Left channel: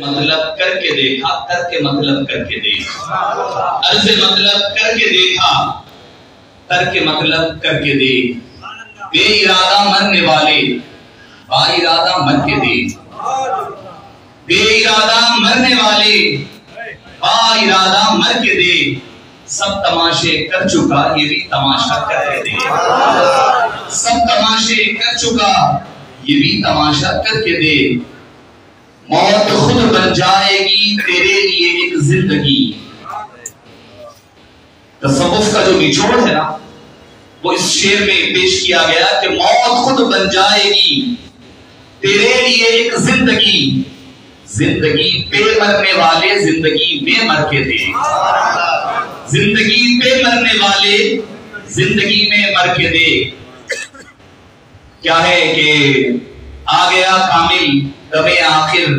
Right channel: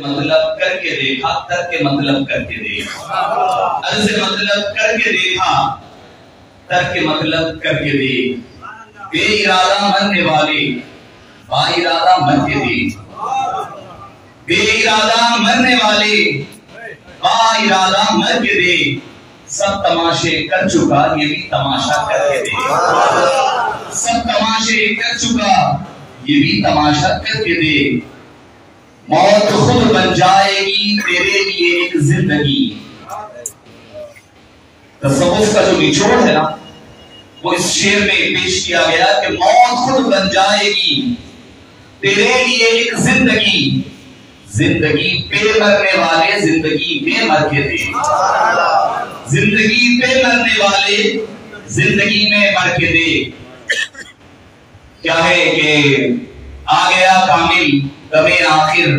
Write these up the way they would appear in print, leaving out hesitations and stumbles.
مطلب کر کے دیکھا، کر کے مطلب کر کے دیکھا، عرض مطلب کر کے دیکھا، کر کے مطلب کر کے دیکھ، بے ارادہ مرنے والے با ارادہ مر کے دیکھ، بے ارادہ مرنے والے با ارادہ مر کے دیکھ، سب تماشے کر چکا یہ بھی تماشا کر کے دیکھ، سب تماشے کر چکا یہ بھی تماشا کر کے دیکھ، موت خود بن جائے گی تیرے لیے ایک زندگی۔ تصوف کا جو نچوڑ ہے نا وہ اس شعر میں پیش کیا گیا کہ موت خود بن جائے گی تیرے لیے ایک زندگی، زندگی پہ مرنے والے زندگی میں مر کے دے، زندگی پہ مرنے والے زندگی میں مر کے دے۔ کیا ہے کہ آ گیا کامل غم آخر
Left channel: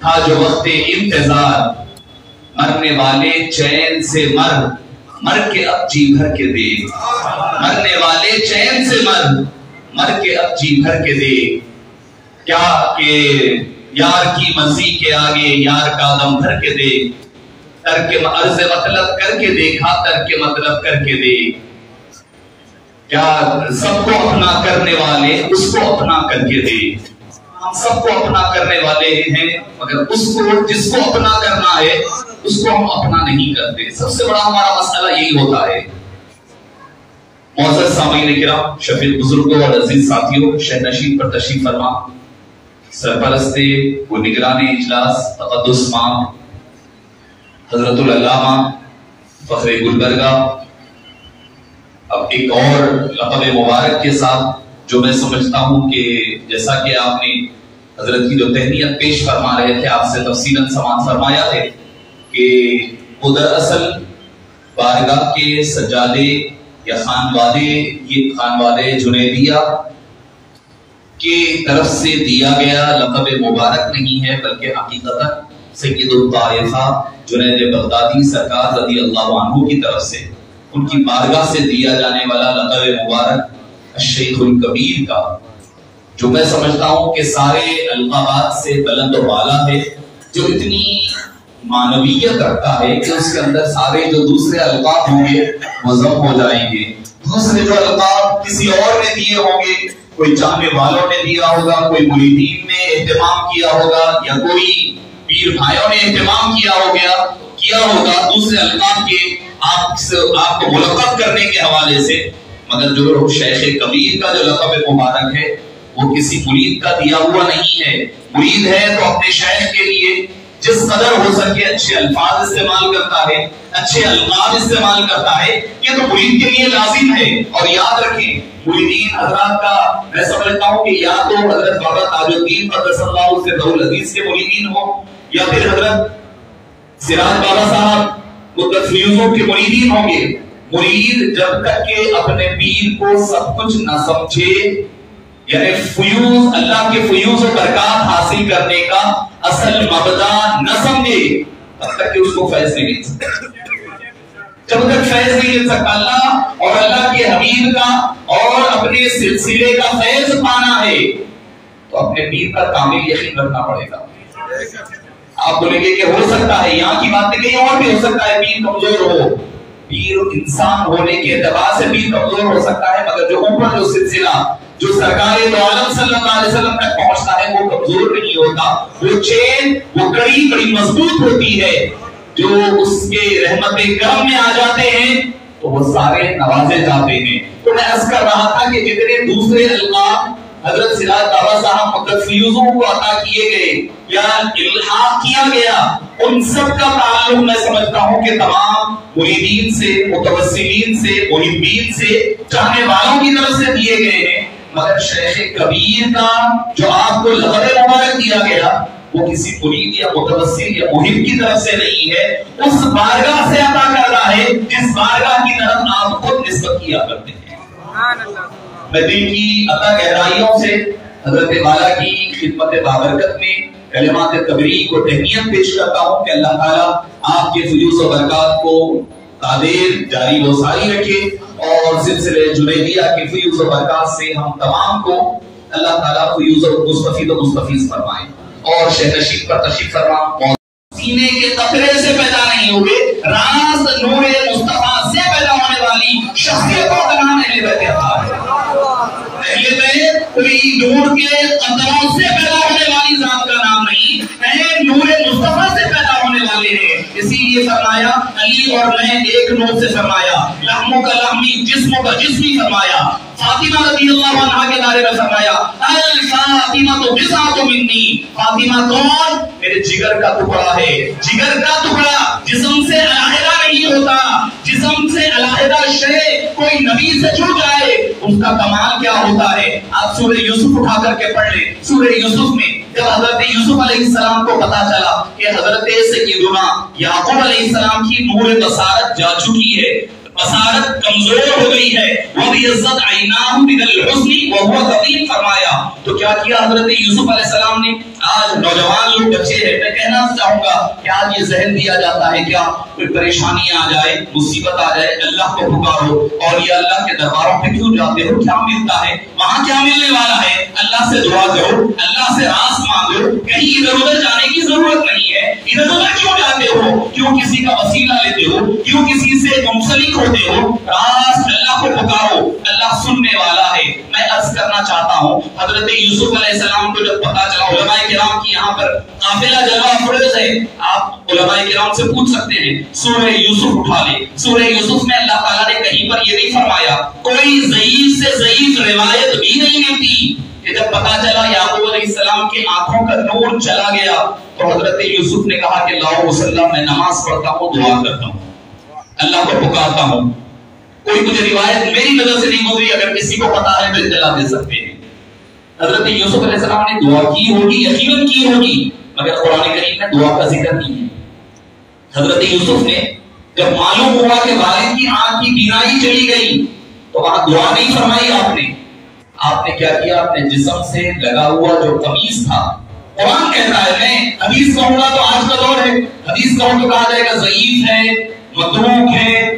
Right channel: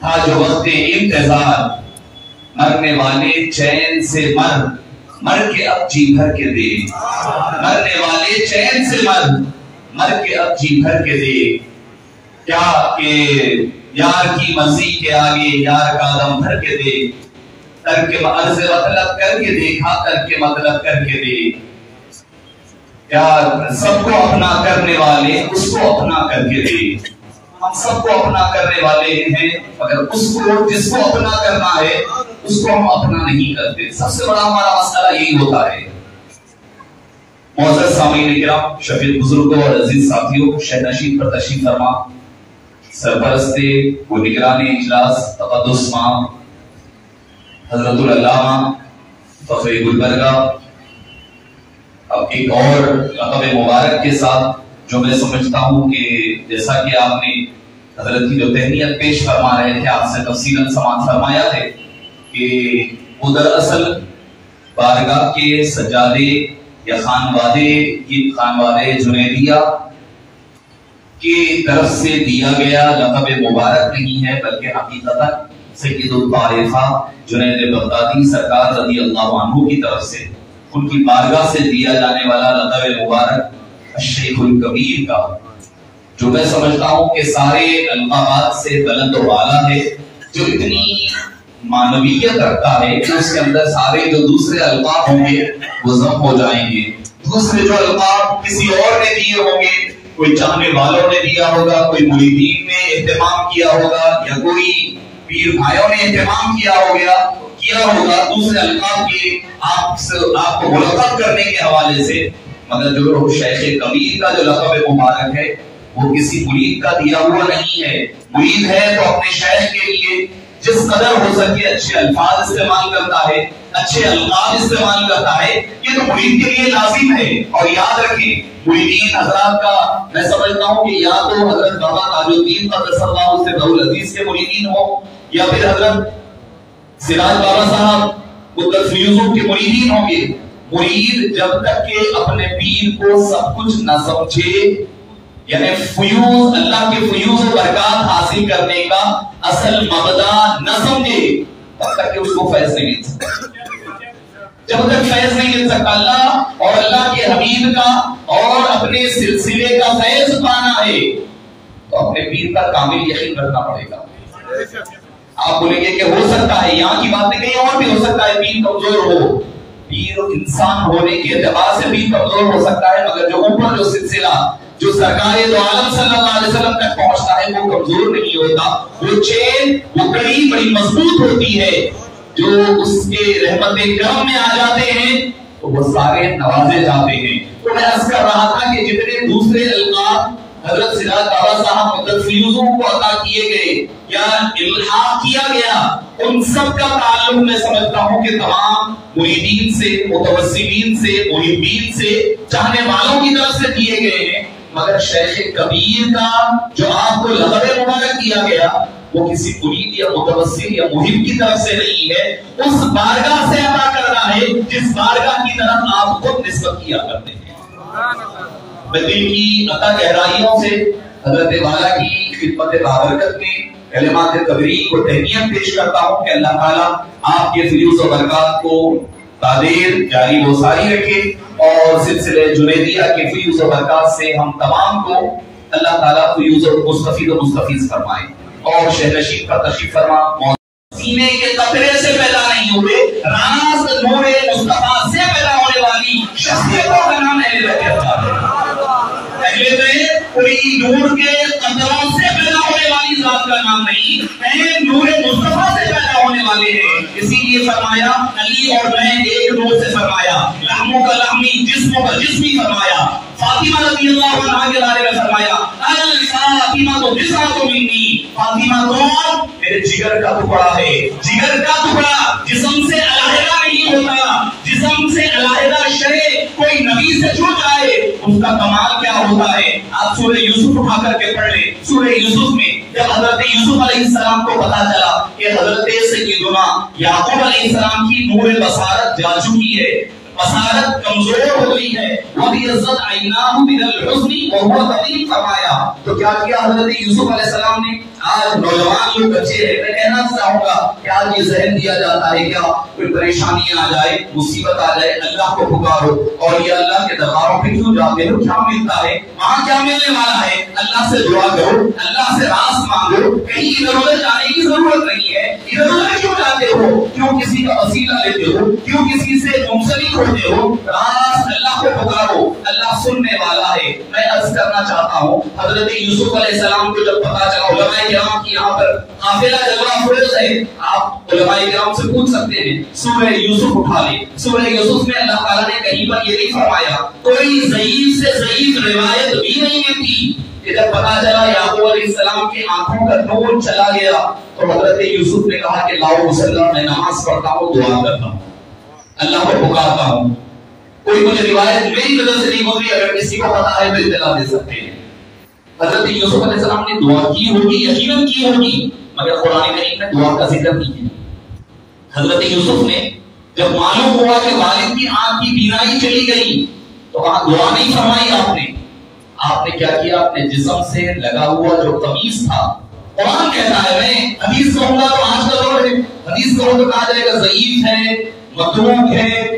تھا جو وقت انتظار، مرنے والے چین سے مر، مر کے اب جی بھر کے دے، مرنے والے چین سے مر، مر کے اب جی بھر کے دے۔ کیا کہ یار کی مرضی کے آگے یار کا دم بھر کے دے، کر کے عرض مطلب کر کے دیکھا، کر کے مطلب کر کے دے۔ کیا سب کو اپنا کرنے والے اس کو اپنا کر کے دے، ہم سب کو اپنا کرنے والے ہیں مگر اس کو جس کو اپنا کرنا ہے اس کو ہم اپنا نہیں کرتے۔ سب سے بڑا ہمارا مسئلہ یہی ہوتا ہے۔ معزز سامعین کرام، شفیق بزرگوں اور عزیز ساتھیوں، شہ نشین پر تشریف فرما سرپرست و نگران اجلاس تقدس مام حضرت العلامہ فخر گلبرگہ، اب ایک اور لقب مبارک کے ساتھ جو میں سمجھتا ہوں کہ جیسا کہ آپ نے حضرت کی جو تہنیت پیش فرما رہے تھے، آپ سے تفصیلاً سماعت فرمایا ہے کہ وہ دراصل بارگاہ کے سجادے یا خانوادے جنیدیہ کی طرف سے دیا گیا لقب مبارک نہیں ہے، بلکہ حقیقتاً سید الطائفہ جنید بغدادی سرکار رضی اللہ عنہ کی طرف سے ان کی بارگاہ سے دیا جانے والا لقب مبارک الشیخ الکبیر کا، جو میں سمجھتا ہوں کہ سارے القابات سے بلند و بالا ہے، جو اتنی معنویت رکھتا ہے کہ اس کے اندر سارے جو دوسرے القاب ہوں گے وہ ضم ہو جائیں گے۔ دوسرے جو القاب کسی اور نے دیے ہوں گے، کوئی چاہنے والوں نے دیا ہوگا، کوئی مریدین نے اہتمام کیا ہوگا، یا کوئی پیر بھائیوں نے اہتمام کیا ہوگا دوسرے القاب کے آپ کو ملقب کرنے کے حوالے سے، مگر جو شیخ کبیر کا جو لقب مبارک ہے وہ کسی مرید کا دیا ہوا نہیں ہے۔ مرید ہے تو اپنے شیخ کے لیے جس قدر ہو سکے اچھے الفاظ استعمال کرتا ہے، اچھے القاب استعمال کرتا ہے، یہ تو مرید کے لیے لازم ہے۔ اور یاد رکھیں مریدین حضرات کا میں سمجھتا ہوں کہ یا تو حضرت بابا تاج الدین قدس اللہ سرہ العزیز کے مریدین ہوں، یا پھر حضرت سراج بابا صاحب مدت فیوزوں کے مریدین ہوں گے۔ مرید جب تک کہ اپنے پیر کو سب کچھ نہ سمجھے، یعنی فیوز اللہ کے فیوز و برکات حاصل کرنے کا اصل مبدا نہ سمجھے، تب تک کہ اس کو فیض نہیں مل سکتا۔ جب تک فیض نہیں مل سکتا، اللہ اور اللہ کے حبیب کا اور اپنے سلسلے کا فیض پانا ہے تو اپنے پیر کا کامل یقین رکھنا پڑے گا۔ آپ بولیں گے کہ ہو سکتا ہے یہاں کی بات نہیں، کہیں اور بھی ہو سکتا ہے پیر کمزور ہو، پیر انسان ہونے کے اعتبار سے بھی کمزور ہو سکتا ہے، مگر جو اوپر جو سلسلہ جو سرکار دو عالم صلی اللہ علیہ وسلم تک پہنچتا ہے وہ کمزور نہیں ہوتا، وہ چین وہ کڑی بڑی مضبوط ہوتی ہے۔ جو اس کے رحمت کرم میں آ جاتے ہیں تو وہ سارے نوازے جاتے ہیں۔ تو میں عرض کر رہا تھا کہ جتنے دوسرے القاب حضرت سراج بابا صاحب مدت فیوزوں کو عطا کیے گئے یا الحاق کیا گیا، ان سب کا تعلق میں سمجھتا ہوں کہ تمام مریدین سے، متوسلین سے، محبین سے، چاہنے والوں کی طرف سے دیے گئے ہیں، مگر شیخ کبیر کا جو آپ کو لقب مبارک دیا گیا وہ کسی مرید یا متوسل یا محب کی طرف سے نہیں ہے، اس بارگاہ سے عطا کر رہا ہے جس بارگاہ کی طرف آپ خود نسبت کیا کرتے ہیں۔ میں دل کی عطا گہرائیوں سے حضرت والا کی خدمت بابرکت میں کلمات قبری کو تہنیت پیش کرتا ہوں کہ اللہ تعالیٰ آپ کے فیوز و برکات کو تعدیر جاری و ساری رکھے، اور سلسلے جنیدیہ کے فیوز و برکات سے ہم تمام کو اللہ تعالیٰ فیوز و مستفید فرمائے۔ اور شہنشین پر تشریف فرما سینے کے قطرے سے پیدا نہیں ہوئے، راز نور مصطفیٰ سے پیدا ہونے والی شخصیتوں کا نام اہل بیت اطہار ہے۔ اہل بیت کوئی نور کے قطروں سے پیدا ہونے والی ذات کا نام نہیں ہے، نور مصطفیٰ سے پیدا ہونے والے ہیں۔ اسی لیے فرمایا علی اور میں ایک نور سے فرمایا، لحموں کا لحمی جسموں کا جسمی فرمایا۔ فاطمہ رضی اللہ عنہا کے بارے میں فرمایا الفاطمہ تو بضعۃ منی، فاطمہ کون؟ میرے جگر کا ٹکڑا ہے، جگر کا ٹکڑا جسم سے علیحدہ نہیں ہوتا، جسم سے علیحدہ شے کوئی نبی سے چھوٹ جائے اس کا کمال کیا ہوتا ہے۔ آپ سورہ یوسف اٹھا کر کے پڑھ لیں، سورہ یوسف میں جب حضرت یوسف علیہ السلام کو پتا چلا کہ حضرت سیدنا یعقوب علیہ السلام کی نور بصارت جا چکی ہے، بصارت کمزور ہو گئی ہے، وَبِيَضَّتْ عَيْنَاهُ مِنَ الْحُزْنِ وَهُوَ كَظِيمٌ فرمایا تو کیا کیا حضرت یوسف علیہ السلام نے؟ آج نوجوان لوگ بچے ہیں، میں کہنا چاہوں گا کہ آج یہ ذہن دیا جاتا ہے کیا کوئی پریشانی آ جائے، مصیبت آ جائے، اللہ کو پکارو، اور یہ اللہ کے درباروں پہ کیوں جاتے ہو؟ کیا ملتا ہے وہاں؟ کیا ملنے والا ہے؟ اللہ سے دعا کرو، اللہ سے راز مانگو، کہیں ادھر ادھر جانے کی ضرورت نہیں ہے۔ ادھر ادھر کیوں جاتے ہو؟ کیوں کسی کا وسیلہ لیتے ہو؟ کیوں کسی سے منسلک ہوتے ہو؟ راز اللہ کو پکارو، اللہ سننے والا ہے۔ میں عرض کرنا چاہتا ہوں حضرت یوسف علیہ السلام کو جب پتا چلا، علماء کرام کی یہاں پر قافلہ جلوہ افروز ہے، آپ علماء کرام سے پوچھ سکتے ہیں، سورہ یوسف اٹھا لیں، سورہ یوسف میں اللہ تعالیٰ نے کہیں پر یہ نہیں فرمایا، کوئی ضعیف سے ضعیف روایت بھی نہیں ملتی کہ جب پتا چلا یعقوب علیہ السلام کی آنکھوں کا نور چلا گیا تو حضرت یوسف نے کہا کہ لاؤ مسلح، میں نماز پڑھتا ہوں، دعا کرتا ہوں، اللہ کو پکارتا ہوں۔ کوئی مجھے روایت میری وجہ سے نہیں گزری، اگر کسی کو پتا ہے تو اطلاع دے سکتے ہیں۔ حضرت یوسف علیہ السلام نے دعا کی ہوگی، یقیناً کی ہوگی، مگر قرآن کریم میں دعا کا ذکر نہیں ہے۔ حضرت یوسف نے جب معلوم ہوا کہ والد کی آنکھ کی بینائی چلی گئی تو وہاں دعا نہیں فرمائی آپ نے کیا کیا؟ آپ نے جسم سے لگا ہوا جو قمیص تھا، قرآن کہتا ہے، میں حدیث کہوں گا تو آج کا دور ہے، حدیث کہوں تو کہا جائے گا ضعیف ہے، متروک ہے،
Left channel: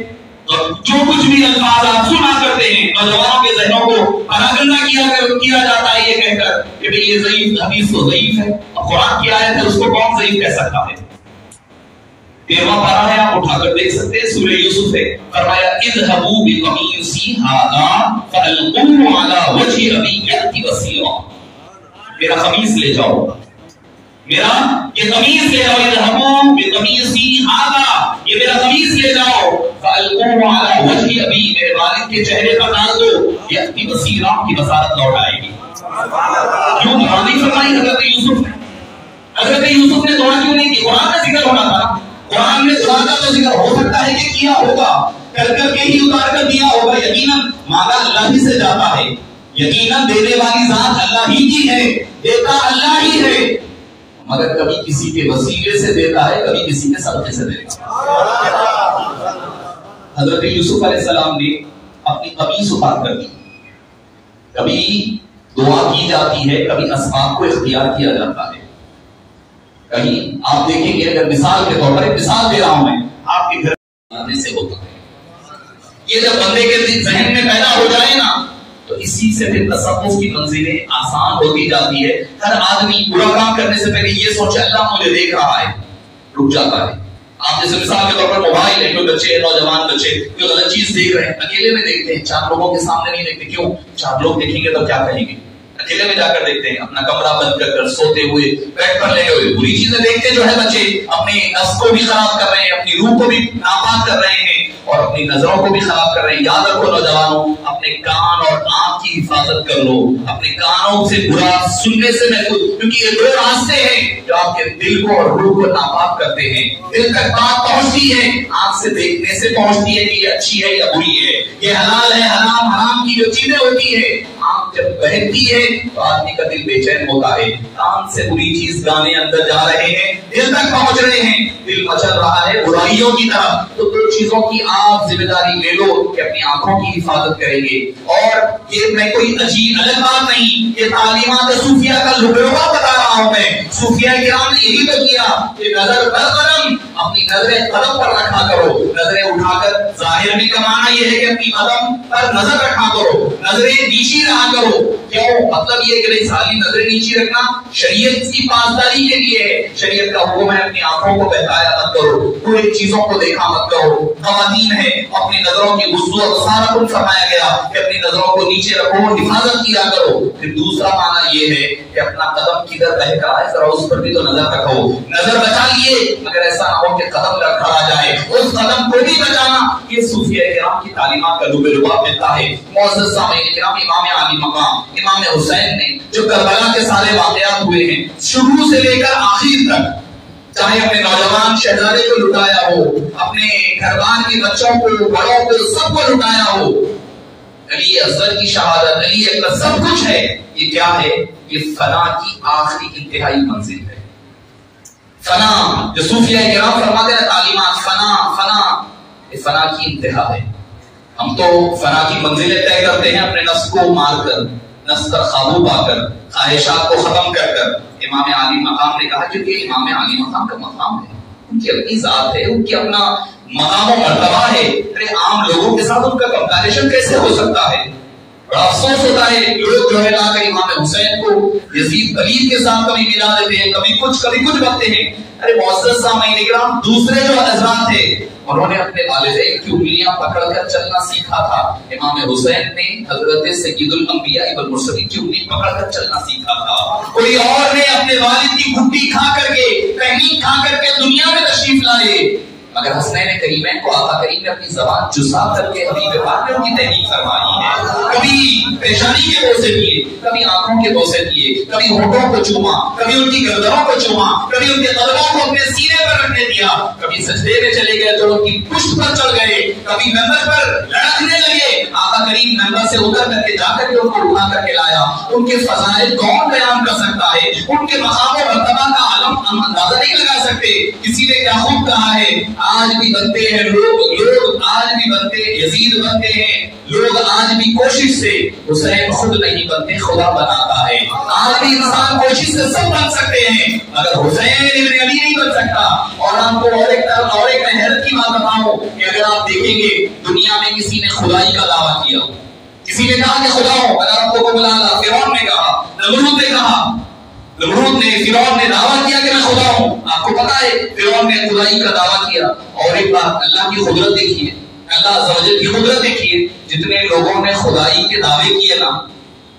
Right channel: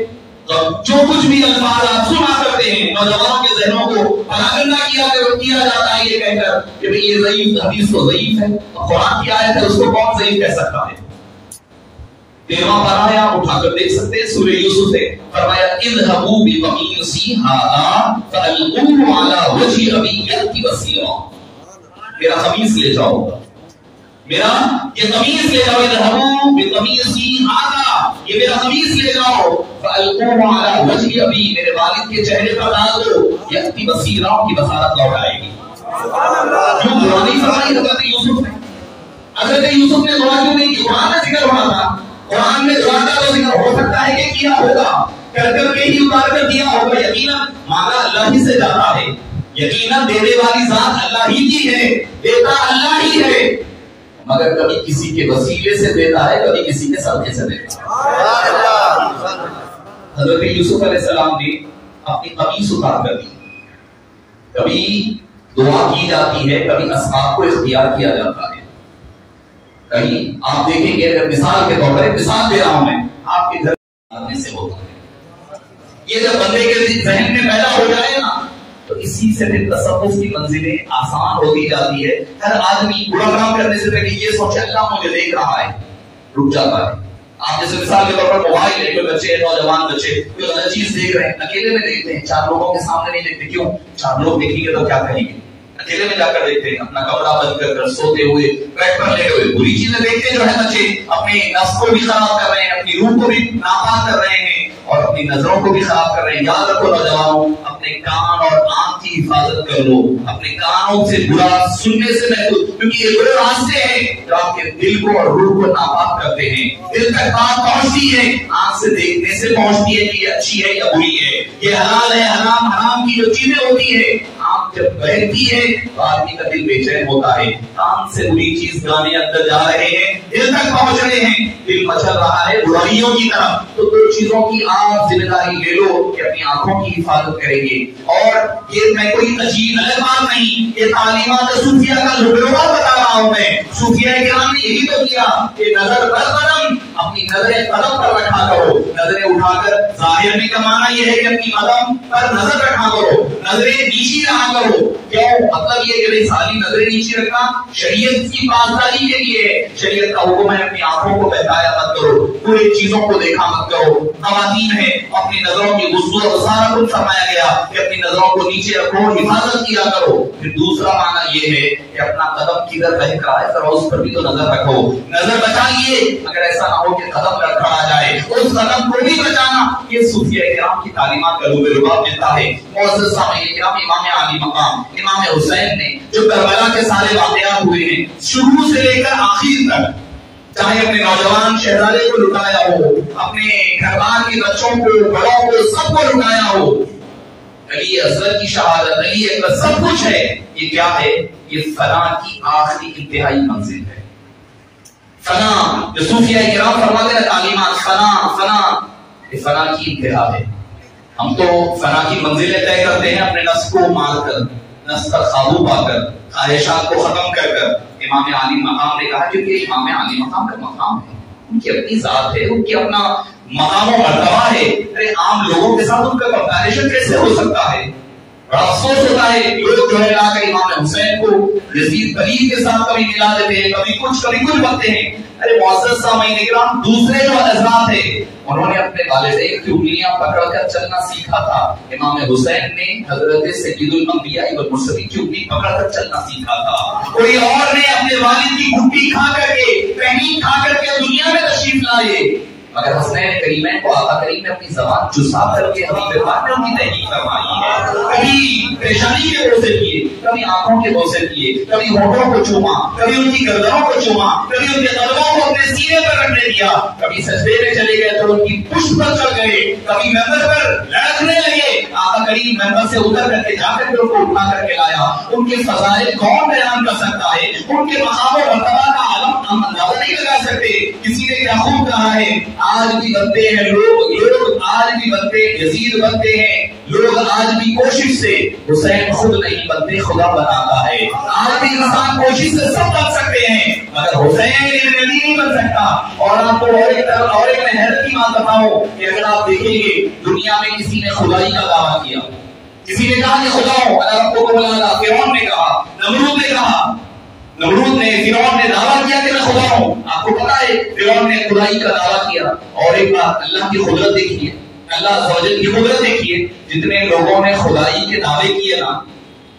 جو کچھ بھی الفاظ آپ سنا کرتے ہیں نوجوانوں کے ذہنوں کو پراگندہ کیا جاتا ہے یہ کہہ کر کہ بھئی یہ ضعیف حدیث تو ضعیف ہے، اب قرآن کی آیت ہے، اس کو کون ضعیف کہہ سکتا ہے؟ 13واں پارہ ہے، آپ اٹھا کر دیکھ سکتے ہیں، سورہ یوسف ہے، فرمایا اذهبوا بقمیصی ھذا فالقوه علی وجه ابی یأتی بصیرا، میرا قمیص لے جاؤ، میرا یہ قمیص لے جاؤ، اذهبوا بقمیصی ھذا، یہ میرا قمیص لے جاؤ، فالقوه علی وجه ابی، میرے والد کے چہرے پر ڈال دو، یأتی بصیرا، کی بصارت لوٹ آئے گی۔ کیوں دعا نہیں فرمائی حضرت یوسف نے؟ حضرت یوسف نے دعا کیوں نہیں کی؟ قرآن میں ذکر ہونا تھا، قرآن میں دعا کا تو ذکر ہو سکتا ہے کہ کیا ہوگا، کر کے ہی اتار کر دیا ہوگا، یقیناً مانگا اللہ ہی سے جاتا ہے، یقیناً دینے والی ذات اللہ ہی کی ہے، دیتا اللہ ہی ہے، مگر کبھی کسی کے وسیلے سے دیتا ہے، کبھی کسی کے صدقے سے دیتا ہے۔ حضرت یوسف علیہ السلام نے اپنی قمیص اتار کر دی، کبھی دعا کی جاتی ہے، کبھی اصحاب کو اختیار کیا جاتا ہے۔ کہیں آپ دیکھیں گے، اگر مثال کے طور پر ایک مثال دے رہا ہوں میں، آپ کے گھر آنے سے ہوتا ہے، یہ جب بندے کے ذہن میں پیدا ہو جائے نا تو اسی سے پھر تصوف کی منزلیں آسان ہوتی جاتی ہے۔ ہر آدمی برا کام کرنے سے پہلے یہ سوچے اللہ مجھے دیکھ رہا ہے، رک جاتا ہے۔ آپ جیسے مثال کے طور پر موبائل ہے، کوئی بچے نوجوان بچے کوئی غلط چیز دیکھ رہے ہیں، اکیلے میں دیکھتے ہیں، 4 لوگوں کے سامنے نہیں دیکھتے، کیوں؟ 4 لوگ دیکھیں گے تو کیا کہیں گے، اکیلے میں جا کر دیکھتے ہیں، اپنا کمرہ بند کر کر سوتے ہوئے، بیٹھ پر لے ہوئے، بری چیزیں دیکھتے جو ہے بچے، اپنے نفس کو بھی خراب کر رہے ہیں، اپنی روح کو بھی ناپاک کر رہے ہیں اور اپنی نظروں کو بھی خراب کر رہے ہیں۔ یاد رکھو نوجوانوں، اپنے کان اور آنکھ کی حفاظت کر لو، اپنے کانوں سے برا سننے سے محفوظ، کیونکہ یہ 2 راستے ہیں جو آپ کے دل کو اور روح کو ناپاک کرتے ہیں۔ دل تک بات پہنچتی ہے، آنکھ سے دیکھنے سے پہنچتی ہے کہ یہ اچھی ہے یا بری ہے، یہ حلال ہے حرام، حرام کی جو چیزیں ہوتی ہیں، آنکھ جب بہتی ہے تو آدمی کا دل بے چین ہوتا ہے، کان سے بری چیز گانے اندر جا رہے ہیں، دل تک پہنچ رہے ہیں، دل مچل رہا ہے برائیوں کی طرف، تو 2 چیزوں کی آپ ذمہ داری لے لو کہ اپنی آنکھوں کی حفاظت کریں گے۔ اور یہ میں کوئی عجیب الگ بات نہیں، یہ تعلیمات صوفیہ کا لٹروا بتا رہا ہوں میں، صوفیہ کرام نے یہی تو کیا کہ نظر برقرم اپنی نظریں قدم پر رکھا کرو. نظریں اٹھا کر ظاہر میں کمانا یہ ہے کہ اپنی قدم پر نظر رکھا کرو, نظریں نیچی رہا کرو. کیوں؟ مطلب یہ کہ خالی نظریں نیچی رکھنا شریعت کی پاسداری کے لیے ہے. شریعت کا حکم ہے اپنی آنکھوں کو بہلایا مت کرو, برے چیزوں کو دیکھا مت کرو. خواتین ہے اپنی نظروں کی غض و بصارت کو فرمایا گیا کہ اپنی نظروں کو نیچے رکھو, حفاظت کیا کرو. پھر دوسرا معنی یہ ہے کہ اپنا قدم کدھر بہک رہا ہے ذرا اس پر بھی تو نظر رکھو. نظر بچا لیے مگر ایسا نہ ہو کہ قدم لڑکھڑا جائے, اس قدم کو بھی بچانا. یہ صوفیہ کرام کی تعلیمات کا لب لباب ملتا ہے. معزز سامعین کرام, امام علی مقام امام حسین نے جو کربلا کے سارے واقعات ہوئے ہیں شروع سے لے کر آخر تک, چاہے اپنے نوجوان شہزادے کو لٹایا ہو, اپنے گھر بار کے بچوں کو, بڑوں کو, سب کو لٹایا ہو, علی اصغر کی شہادت, علی اکبر, سب کچھ ہے. یہ کیا ہے؟ یہ فنا کی آخری انتہائی منزل ہے. فنا جو صوفیہ کرام فرماتے ہیں تعلیمات, فنا یہ فنا کی انتہا ہے. ہم تو فنا کی منزلیں طے کرتے ہیں اپنے نفس کو مار کر, نفس پر قابو پا کر, خواہشات کو ختم کر کر. امام علی مقام نے کہا کیونکہ امام علی مقام کا مقام ہے, ان کی اپنی ذات ہے, ان کی اپنا مقام و مرتبہ ہے. ارے عام لوگوں کے ساتھ ان کا کمپیریشن کیسے ہو سکتا ہے؟ بڑا افسوس ہوتا ہے لوگ جو ہے لا کر امام حسین کو یزید ولید کے ساتھ کبھی ملا دیتے ہیں, کبھی کچھ بنتے ہیں. ارے معزز سامعین کرام, دوسرے جو حضرات تھے انہوں نے اپنے والدین کی انگلیاں پکڑ کر چلنا سیکھا تھا. امام حسین نے حضرت سید الانبیاء والمرسلین کی انگلی پکڑ کر چلنا سیکھا تھا. کوئی اور نے اپنے والد کی گھٹی کھا کر کے, پہنی کھا کر کے دنیا میں تشریف لائے, مگر حسنین کریمین کو آقا کریم نے اپنی زبان جسا کر کے حبیب پاک نے ان کی تحقیق فرمائی ہے. کبھی پریشانی کے بوسے دیے, کبھی آنکھوں کے بوسے دیے, کبھی ہونٹوں کو چوما, کبھی ان کی گردنوں کو چوما, کبھی ان کے قدموں کو اپنے سینے پر رکھنے دیا, کبھی سجدے میں چلے گئے تو ان کی پشت پر چڑھ گئے, کبھی ممبر پر لڑکنے لگے. آقا کریم ممبر سے اتر کر کے جا کر کے ان کو اٹھا کر کے لایا. ان کے فضائل کون بیان کر سکتا ہے؟ ان کے مقام و مرتبہ کا عالم ہم اندازہ نہیں لگا سکتے. کسی نے کیا خوب کہا ہے, آج بھی بنتے ہیں لوگ آج بھی بنتے یزید بنتے ہیں, لوگ آج بھی کوشش سے, حسین خود نہیں بنتے خدا بناتا ہے. آج بھی انسان کوشش سے سب بن سکتے ہیں مگر حسین ابن علی نہیں بن سکتا. اور آپ کو اور ایک میں حیرت کی بات بتاؤں کہ اگر آپ دیکھیں گے دنیا میں کسی نے خدائی کا دعویٰ کیا, کسی نے کہا کہ خدا ہوں, اگر آپ کو بلا لا, فرعون نے کہا, نمرود نے کہا, فرعون نے دعویٰ کیا کہ میں خدا ہوں. آپ کو پتا ہے فرعون نے خدائی کا دعویٰ کیا. اور ایک بات, اللہ کی قدرت دیکھیے, اللہ عز و جل کی قدرت دیکھیے, جتنے لوگوں نے خدائی کے دعوے کیے نا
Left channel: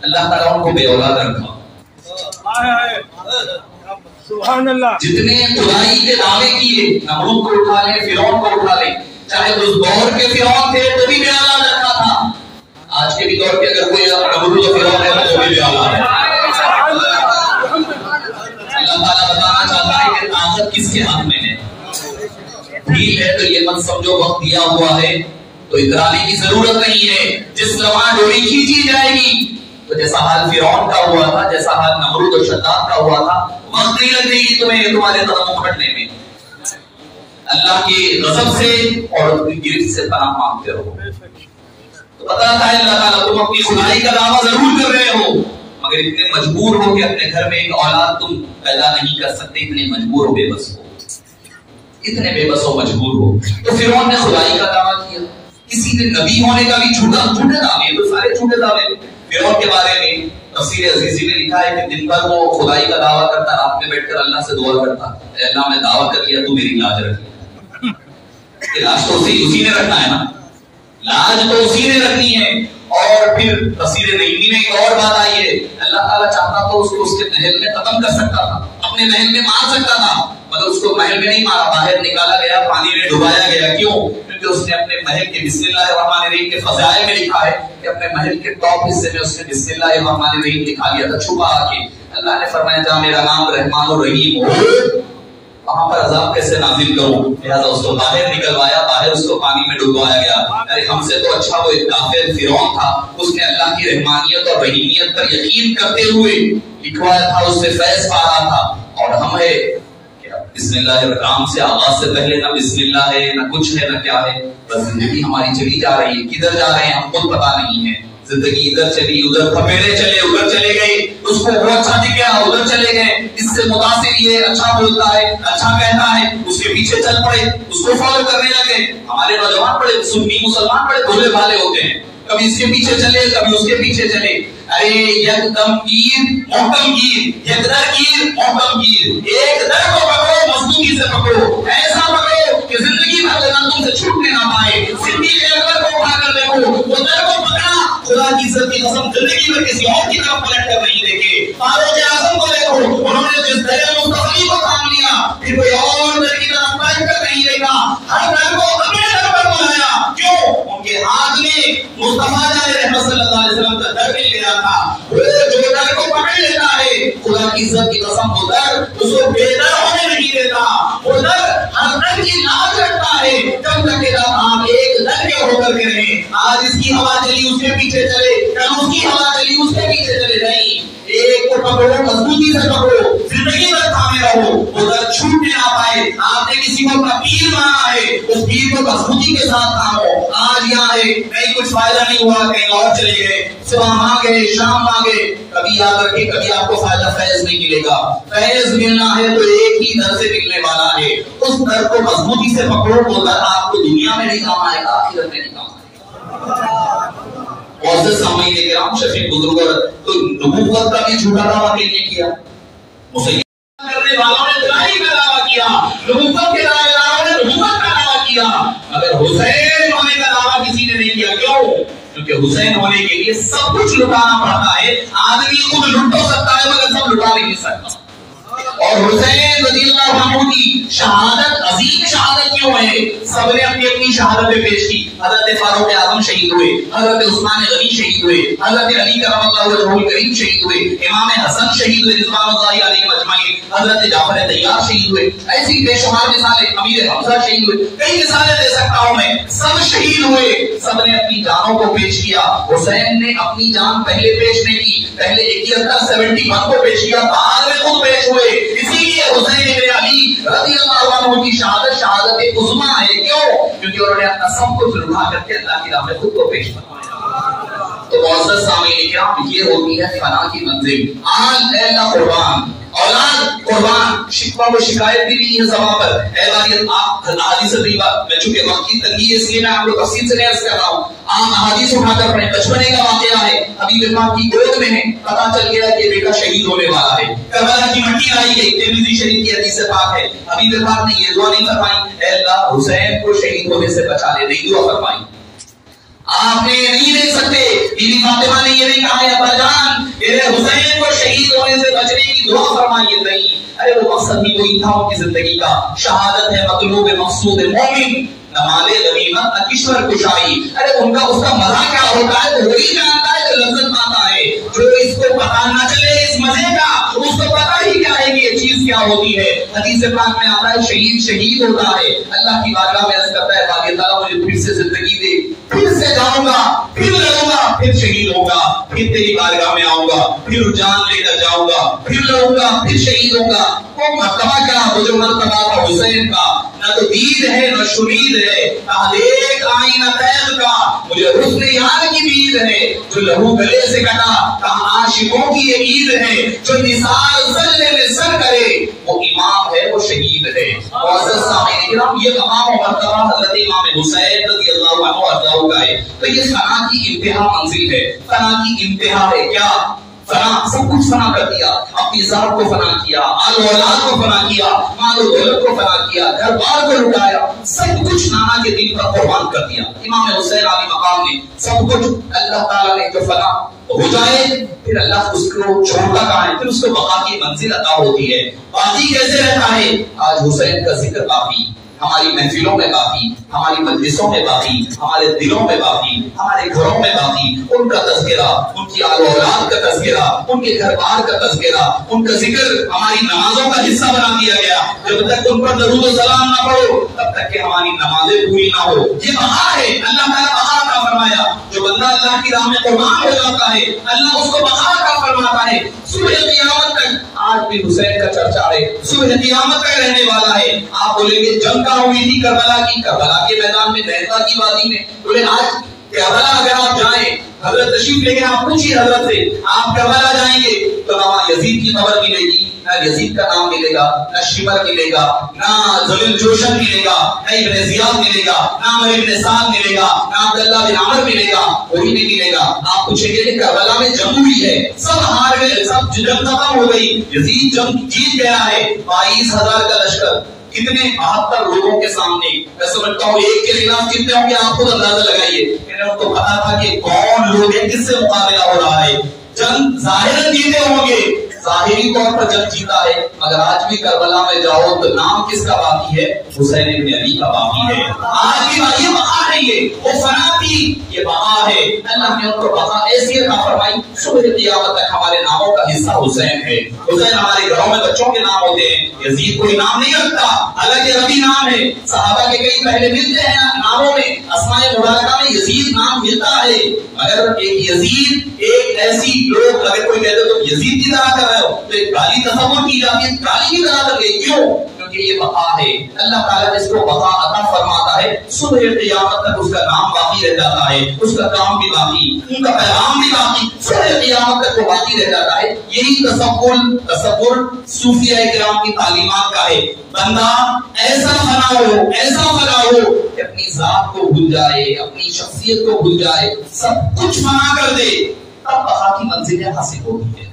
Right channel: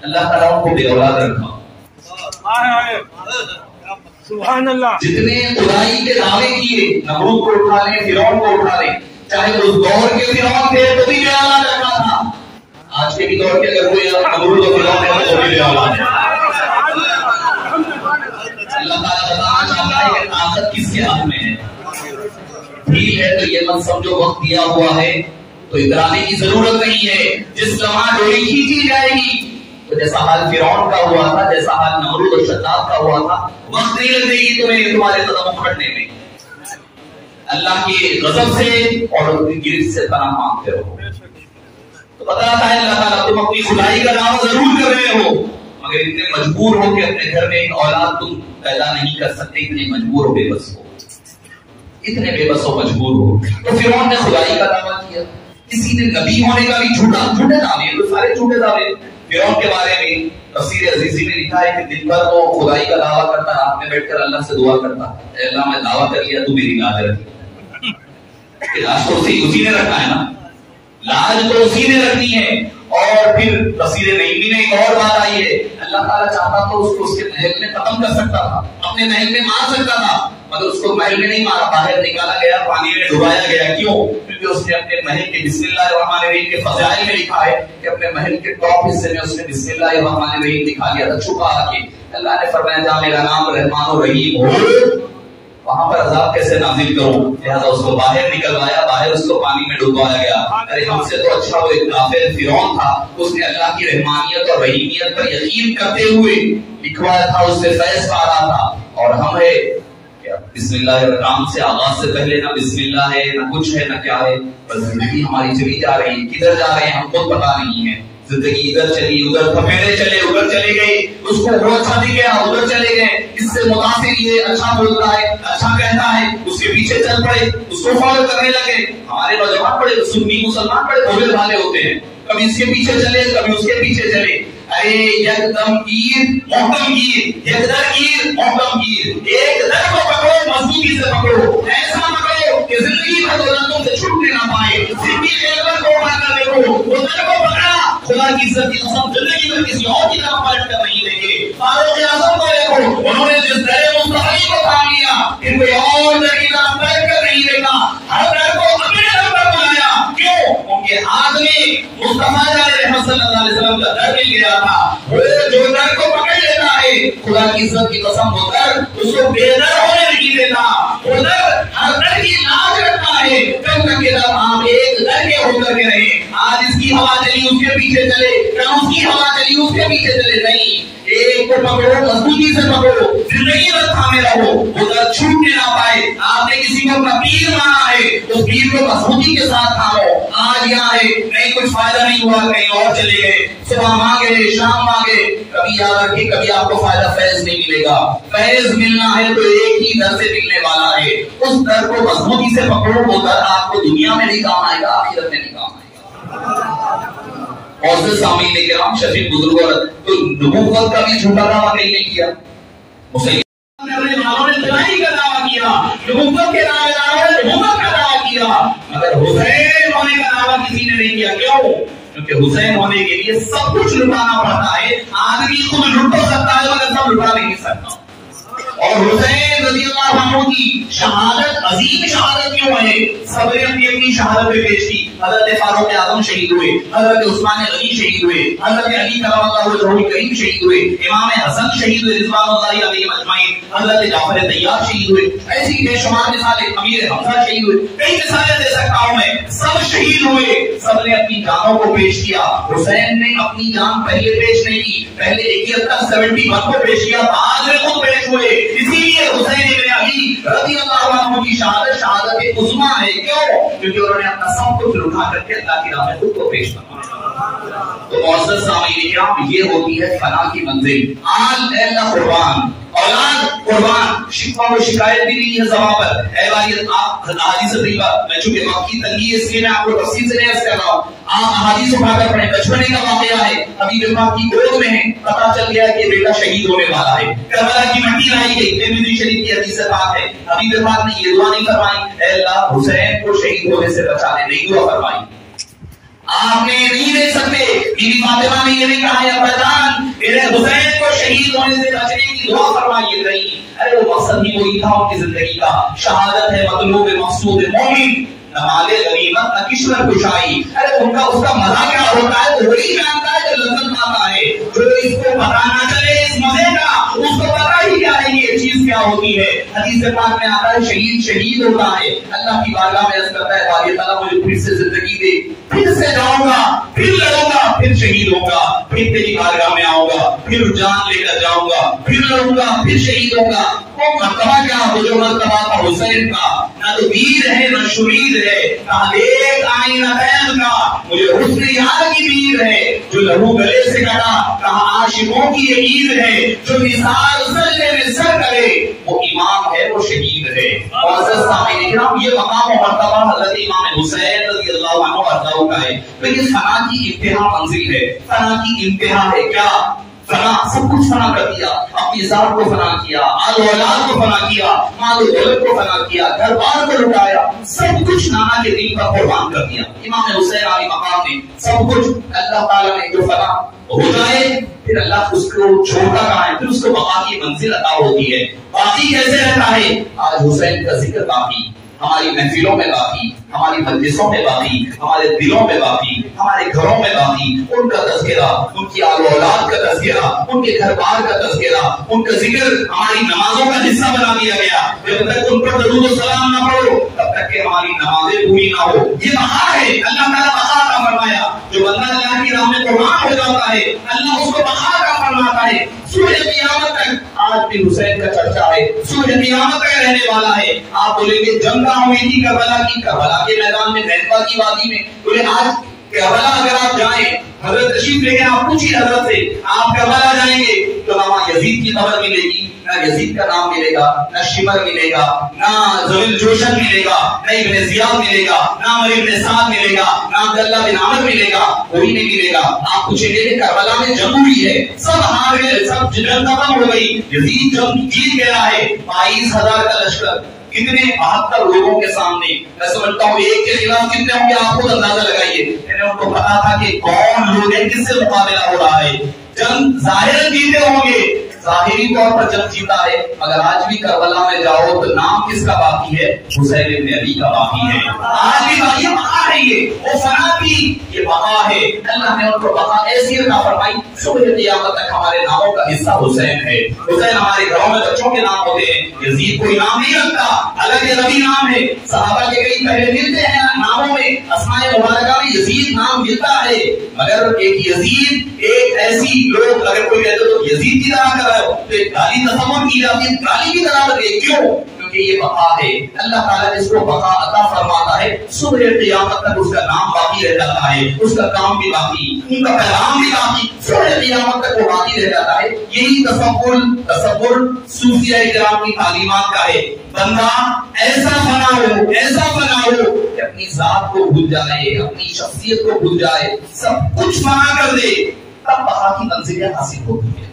اللہ تعالیٰ ان کو بے اولاد رکھا. سبحان اللہ. جتنے خدائی کے دعوے کیے, نمرود کو اٹھا لیں, فرعون کو اٹھا لیں, چاہے اس دور کے فرعون تھے تو بھی بے اولاد رکھا تھا. آج کے بھی دور کے اگر کوئی نمرود و فرعون ہے تو بھی بے اولاد ہے. اللہ تعالیٰ بتانا چاہتا ہے کہ طاقت کس کے ہاتھ میں ہے. ڈھیل ہے تو یہ مت سمجھو وقت دیا ہوا ہے تو اترانے کی ضرورت نہیں ہے. جس لمحہ ڈوری کھینچی جائے گی تو جیسا حال فرعون کا ہوا تھا, جیسا حال نمرود و شداد کا ہوا تھا, وقت نہیں لگے گی تمہیں تمہارے قدم اکھڑنے میں. اللہ کے غضب سے اور اپنی گرفت سے پناہ مانگتے رہو. تو بتاتا ہے اللہ تعالیٰ تم اپنی خدائی کا دعویٰ ضرور کر رہے ہو مگر اتنے مجبور ہو کہ اپنے گھر میں ایک اولاد تم پیدا نہیں کر سکتے, اتنے مجبور ہو, بے بس ہو, اتنے بے بس ہو, مجبور ہو. تو فرعون نے خدائی کا دعویٰ کیا. کسی نے نبی ہونے کا بھی جھوٹے دعوے, تو سارے جھوٹے دعوے. فرعون کے بارے میں تفسیر عزیزی نے لکھا ہے کہ دن بھر وہ خدائی کا دعویٰ کرتا, رات میں بیٹھ کر اللہ سے دعا کرتا, اے اللہ میں دعویٰ کر لیا, تو میری لاج رکھ. لاج تو اسی نے رکھنا ہے نا, لاج تو اسی نے رکھنی ہے. اور پھر تفسیر نعیمی میں ایک اور بات آئی ہے, اللہ تعالیٰ چاہتا تو اس کو اس کے محل میں ختم کر سکتا تھا, اپنے محل میں مار سکتا تھا, مگر اس کو محل میں نہیں مارا, باہر نکالا گیا, پانی میں ڈبایا گیا. کیوں؟ کیونکہ اس نے اپنے محل کے بسم اللہ الرحمن الرحیم کے فضائل میں لکھا ہے کہ اپنے محل کے ٹاپ حصے میں اس نے بسم اللہ الرحمن الرحیم لکھا لیا تھا چھپا کے. اللہ نے فرمایا جہاں میرا نام رحمان الرحیم ہو وہاں پر عذاب کیسے نازل کروں, لہذا اس کو باہر نکلوایا, باہر اس کو پانی میں ڈبوایا گیا. ارے ہم سے تو اچھا وہ ایک کافر فرعون تھا, اس نے اللہ کی رحمانیت اور رحیمیت پر یقین کرتے ہوئے لکھوایا تھا, اس سے فیض پا رہا تھا. اور ہم ہے بسم اللہ الرحمن سے آغاز سے پہلے نہ بسم اللہ ہے, نہ کچھ ہے, نہ کیا ہے, بس زندگی ہماری چلی جا رہی ہے. کدھر جا رہے ہیں ہم خود پتا نہیں ہے. زندگی ادھر چلی, ادھر تھپیڑے چلے, ادھر چلے گئے, اس کو وہ اچھا دکھ گیا, ادھر چلے گئے, اس سے سے متاثر یہ اچھا بولتا ہے، اچھا کہتا ہے، اس کے پیچھے چل پڑے، اس کو فالو کرنے لگے. ہمارے نوجوان بڑے سنی مسلمان بڑے بھولے بھالے ہوتے ہیں، کبھی اس کے پیچھے چلے کبھی اس کے پیچھے چلے. ارے یکدم گیر محکم گیر، یکدم گیر محکم گیر. ایک در کو پکڑو، مضبوطی سے پکڑو، ایسا پکڑو کہ زندگی بھر وہ رنگوں سے چھوٹنے نہ پائے. زندگی کے در کو اٹھا کر دیکھو، وہ در کو پکڑا، خدا کی عزت کی قسم زندگی میں کسی اور کی طرف پلٹ کر نہیں دیکھے. فاروق اعظم کو دیکھو، انہوں نے جس در مستقلی کو تھام لیا، پھر کوئی اور در کی طرف پلٹ کر نہیں دیکھا، ہر در کو اپنے در پر بنایا. کیوں؟ ان کے ہاتھ میں مصطفیٰ جان رحمت صلی اللہ علیہ وسلم کا در مل گیا تھا. وہ جو در کو پکڑ لیتا ہے، خدا کی عزت کی قسم وہ در اس کو بے در ہونے نہیں دیتا. وہ در ہر در کی لاج رکھتا ہے، جب تک کہ آپ ایک در کے ہو کر کے رہے. آج اس کی ہوا چلی اس کے پیچھے چلے، کل اس کی ہوا چلی اس کے پیچھے چلے. نہیں، ایک کو پکڑو، مضبوطی سے پکڑو، زندگی میں تھامے رہو، وہ در چھوٹنے نہ پائے. آپ نے کسی کو اپنا پیر مانا ہے، اس پیر کو مضبوطی کے ساتھ تھامو. آج یہاں ہے، نہیں کچھ فائدہ نہیں ہوا، کہیں اور چلے گئے، صبح مانگے شام مانگے، کبھی یاد رکھے کبھی آپ کو فائدہ فیض نہیں ملے گا. فیض ملنا ہے تو ایک ہی در سے ملنے والا ہے. اس در کو مضبوطی سے پکڑو، وہ در آپ کو دنیا میں بھی کام آئے گا، آخرت میں بھی کام آئے گا. معزز سامعین کرام، شفیق بزرگوں تو نبوت کا بھی جھوٹا دعویٰ نہیں کیا. مسلمان کرنے والوں نے برائی کا دعویٰ کیا، نبوت کے دعوے داروں نے نبوت کا دعویٰ کیا، مگر حسین ہونے کا دعویٰ کسی نے نہیں کیا. کیوں؟ کیونکہ حسین ہونے کے لیے سب کچھ لٹانا پڑتا ہے. آدمی خود لٹ تو سکتا ہے مگر سب لٹا نہیں سکتا. اور حسین رضی اللہ عنہ کی شہادت عظیم شہادت کیوں ہے؟ سب نے اپنی اپنی شہادتیں پیش کی. حضرت فاروق اعظم شہید ہوئے، حضرت عثمان غنی شہید ہوئے، حضرت علی کرم اللہ وجہہ الکریم شہید ہوئے، امام حسن شہید ہوئے رضوان اللہ علیہ اجمعین، حضرت جعفر طیار شہید ہوئے. ایسی بے شمار مثالیں، امیر حمزہ شہید ہوئے، کئی مثالیں دے سکتا ہوں میں. سب شہید ہوئے، سب نے اپنی جانوں کو پیش کیا. حسین نے اپنی جان پہلے پیش نہیں کی، پہلے 71 کو پیش کیا، بعد میں خود پیش ہوئے. اسی لیے حسین ابن علی رضی اللہ عنہ کی شہادت شہادت عظمیٰ ہے. کیوں؟ کیونکہ انہوں نے اپنا سب کچھ لٹا کر کے اللہ کی راہ میں خود کو پیش کروایا. تو معزز سامعین کرام، یہ ہوتی ہے فنا کی منزل. آن اللہ قربان، اولاد قربان. شکوہ و شکایت بھی نہیں ہے زبان پر. اے والیت آپ حدیث طیبہ، میں چونکہ وقت کی تنگی ہے اس لیے میں آپ کو تفصیل سے عرض کر رہا ہوں. آپ حدیث اٹھا کر پڑھیں. بچپنے کا واقعہ ہے، حبیب پاک کی گود میں ہے، پتہ چل گیا کہ بیٹا شہید ہونے والا ہے. کربلا کی مٹی آئی گئی، ترمذی شریف کی حدیث پاک ہے. حبیب پاک نے یہ دعا نہیں فرمائی، اے اللہ حسین کو شہید ہونے سے بچا لے، نہیں دعا فرمائی. آپ نے نہیں دیکھ سکتے، بیوی فاطمہ نے یہ نہیں کہا ہے ابا جان میرے حسین کو شہید ہونے سے بچنے کی دعا فرمائیے. نہیں، ارے وہ مقصد ہی وہی تھا ان کی زندگی کا. شہادت ہے مطلوب مقصود مومن، نہ مال غنیمت نہ کشور کشائی. ارے ان کا اس کا مزہ کیا ہوتا ہے تو وہی جانتا ہے جو لذت پاتا ہے. جو اس کو پتا نہ چلے اس مزے کا، اس کو پتا ہی کیا ہے کہ یہ چیز کیا ہوتی ہے. حدیث پاک میں آتا ہے شہید ہوتا ہے، اللہ کی بارگاہ میں عرض کرتا ہے باری تعالیٰ مجھے پھر سے زندگی دے، پھر سے جاؤں گا، پھر لڑوں گا، پھر شہید ہوں گا، پھر تیری بارگاہ میں آؤں گا، پھر جان لے کر جاؤں گا، پھر لڑوں گا، پھر شہید ہوں گا. وہ مرتبہ کیا وہ جو مرتبہ تھا حسین کا، نہ تو ویر ہے نہ شرید ہے، کہا دیکھ آئینہ تیغ کا مجھے حسن یار کی ویر ہے. جو لہو گلے سے کٹا کہا عاشقوں کی یہ عید ہے. جو مثال سجدے میں سر کرے وہ امام ہے، وہ شہید ہے. معزز سامعین کرام، یہ مقام و مرتبہ حضرت امام حسین رضی اللہ عنہ ارضاہ کا ہے. تو یہ فنا کی انتہا منزل ہے. فنا کی انتہا ہے کیا؟ فنا، سب کچھ فنا کر دیا. اپنی ذات کو فنا کیا، آل و اولاد کو فنا کیا، مال و دولت کو فنا کیا، گھر بار کو لٹایا، سب کچھ نانا کے دین پر قربان کر دیا. امام حسین علی مقام نے سب کچھ، اللہ تعالیٰ نے جو فنا ہو جائے پھر اللہ اس کو چھوڑتا کہاں ہے، پھر اس کو بقا کی منزل عطا ہوتی ہے. باقی کیسے رہتا ہے؟ آج حسین کا ذکر باقی ہماری محفلوں میں باقی، ہماری مجلسوں میں باقی، ہمارے دلوں میں باقی، ہمارے گھروں میں باقی. ان کا تذکرہ، ان کی آل و اولاد کا تذکرہ، ان کے گھر بار کا تذکرہ، ان کا ذکر ہماری نمازوں کا حصہ بنا دیا گیا. جب تک ان پر درود و سلام نہ پڑھو تب تک کہ ہماری نمازیں پوری نہ ہو. یہ بہار ہے، اللہ تعالیٰ بہار کا فرمایا. جو بندہ اللہ کی راہ میں قربان ہو جاتا ہے اللہ اس کو بہار کا فرماتا ہے. صبح قیامت تک آج بھی حسین کا چرچا ہے، صبح قیامت تک رہنے والا ہے. آپ بولیں گے جنگ کہاں ہوئی تھی؟ کربلا کی، کربلا کے میدان میں، نینوا کی وادی میں. بولے آج کربلا اگر آپ جائیں، حضرت تشریف لے کے آپ پوچھیے حضرت سے، آپ کربلا جائیں گے تو وہاں یزید یزید کی خبر ملے گی، نہ یزید کا نام ملے گا، نہ شمر ملے گا، نہ ذوالفقار جوشن ملے گا، نہ ابن زیاد ملے گا، نہ عمر ابن سعد ملے گا، نہ عبداللہ بن عمر ملے گا، کوئی نہیں ملے گا۔ آپ پوچھیں گے کہ کربلا میں جنگ ہوئی ہے، سب ہار گئے، سب جنگ ختم ہو گئی، یزید جنگ جیت گیا ہے، 22,000 کا لشکر، کتنے 72 لوگوں کے سامنے، میں سمجھتا ہوں ایک کے خلاف کتنے ہوں گے آپ خود اندازہ لگائیے۔ میں نے ان کو پتا تھا کہ کون لوگ ہیں، کس سے مقابلہ ہو رہا ہے، جنگ ظاہراً جیتے ہوں گے، ظاہری طور پر جنگ جیتا ہے، مگر آج بھی کربلا میں جاؤ تو نام کس کا باقی ہے؟ حسین ابن علی کا باقی ہے، آج بھی باقی بقا ہے، وہ فنا کی یہ بقا ہے۔ اللہ نے ان کو بقا ایسی عطا فرمائی، صبح قیامت تک ہمارے ناموں کا حصہ حسین ہے۔ حسین ہمارے گھروں میں بچوں کے نام ہوتے ہیں، یزید کوئی نام نہیں رکھتا، الگ ربی نام ہے، صحابہ کے کئی پہلے ملتے ہیں ناموں میں، اسماء مبارکہ میں یزید نام ملتا ہے، مگر ایک یزید، ایک ایسی لوگ اگر کوئی کہتے تو یزید کی طرح کر رہے ہو تو ایک گالی تصور کی جاتی ہے، گالی کی طرح کر کے، کیوں؟ کیونکہ یہ بقا ہے، اللہ تعالیٰ اس کو بقا عطا فرماتا ہے، صبح قیامت تک اس کا نام باقی رہ جاتا ہے، اس کا کام بھی باقی، ان کا پیغام بھی باقی، صبح قیامت تک وہ باقی رہ جاتا ہے۔ یہی تصور صوفیہ کرام کی تعلیمات کا ہے، بندہ ایسا فنا ہو کہ اپنی ذات کو بھول جائے، اپنی شخصیت کو بھول جائے، سب کچھ فنا کر دے، تب بقا کی منزلیں حاصل ہوتی ہیں۔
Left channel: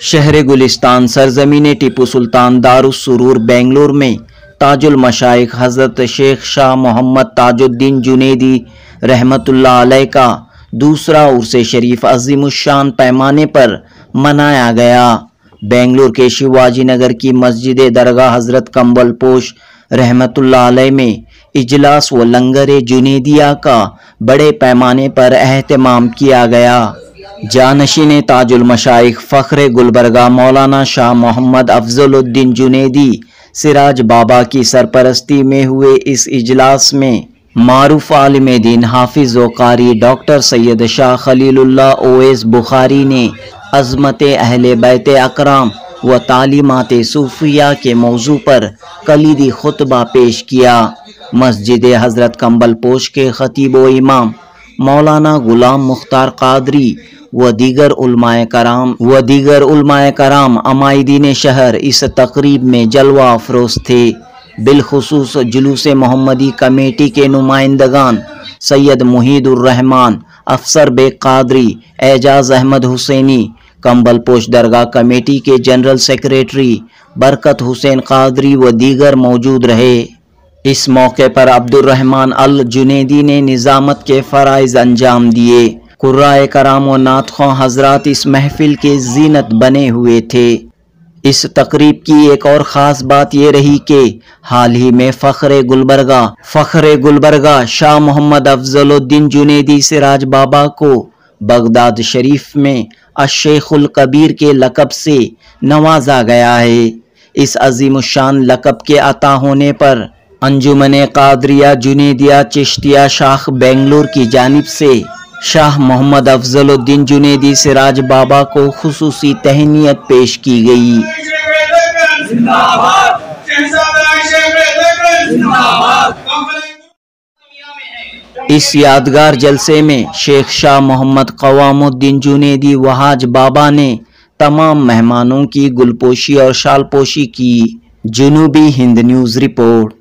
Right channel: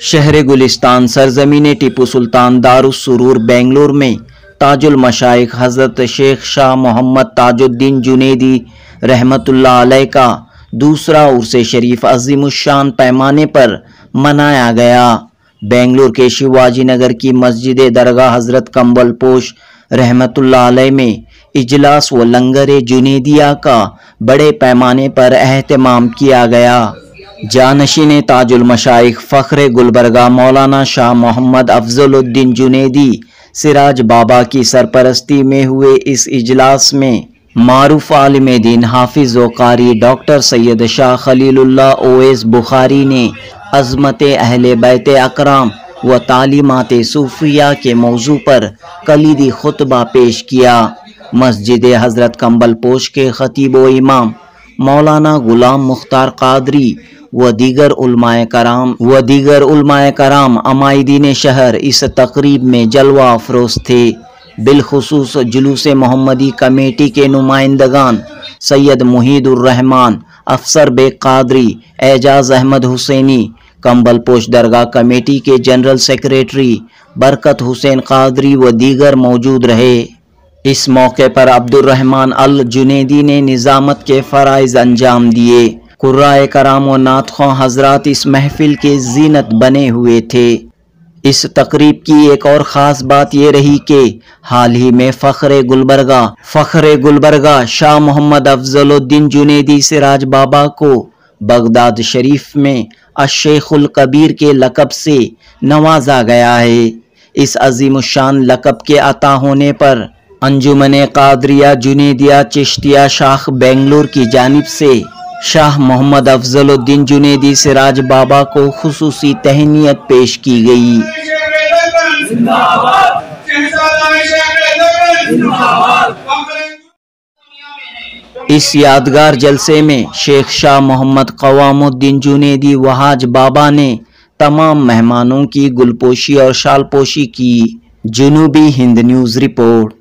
شہر گلستان سرزمین ٹیپو سلطان دار السرور بنگلور میں تاج المشائخ حضرت شیخ شاہ محمد تاج الدین جنیدی رحمت اللہ علیہ کا دوسرا عرس شریف عظیم الشان پیمانے پر منایا گیا۔ بنگلور کے شیواجی نگر کی مسجد درگاہ حضرت کمبل پوش رحمت اللہ علیہ میں اجلاس و لنگر جنیدیہ کا بڑے پیمانے پر اہتمام کیا گیا۔ جانشین تاج المشائخ فخر گلبرگہ مولانا شاہ محمد افضل الدین جنیدی سراج بابا کی سرپرستی میں ہوئے اس اجلاس میں معروف عالم دین حافظ و قاری ڈاکٹر سید شاہ خلیل اللہ اویس بخاری نے عظمت اہل بیت اکرام و تعلیمات صوفیہ کے موضوع پر کلیدی خطبہ پیش کیا۔ مسجد حضرت کمبل پوش کے خطیب و امام مولانا غلام مختار قادری و دیگر علماء کرام عمائدین شہر اس تقریب میں جلوہ افروز تھے۔ بالخصوص جلوس محمدی کمیٹی کے نمائندگان سید محید الرحمان، افسر بیگ قادری، اعجاز احمد حسینی، کمبل پوش درگاہ کمیٹی کے جنرل سیکریٹری برکت حسین قادری و دیگر موجود رہے۔ اس موقع پر عبد الرحمن الجنیدی نے نظامت کے فرائض انجام دیے۔ قرائے کرام و نعت خواں حضرات اس محفل کے زینت بنے ہوئے تھے۔ اس تقریب کی ایک اور خاص بات یہ رہی کہ حال ہی میں فخر گلبرگہ شاہ محمد افضل الدین جنیدی سراج بابا کو بغداد شریف میں الشیخ الکبیر کے لقب سے نوازا گیا ہے۔ اس عظیم الشان لقب کے عطا ہونے پر انجمن قادریہ جنیدیہ چشتیہ شاخ بنگلور کی جانب سے شاہ محمد افضل الدین جنیدی سراج بابا کو خصوصی تہنیت پیش کی گئی۔ اس یادگار جلسے میں شیخ شاہ محمد قوام الدین جنیدی وحاج بابا نے تمام مہمانوں کی گلپوشی اور شال پوشی کی۔ جنوبی ہند نیوز رپورٹ۔